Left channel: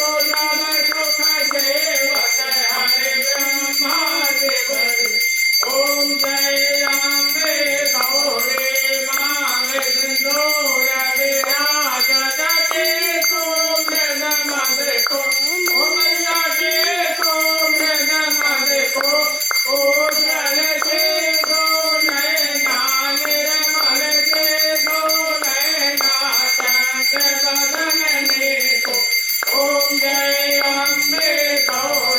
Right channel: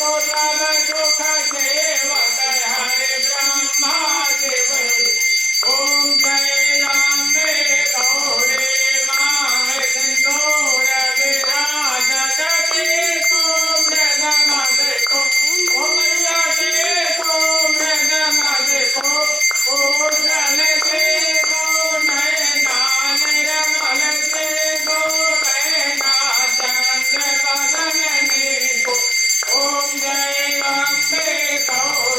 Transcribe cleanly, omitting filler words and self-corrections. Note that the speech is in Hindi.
को नव सुख देवत हरे ब्रह्मा देव ओम जय राम गौड़े मांगे सिंदूर विराजत के सुमृग मद को ओम के सुमृग मद को ओ जल के गो नैना निर्मल के गो नैना चंद्र बदन को ओम जय अम्बे गौ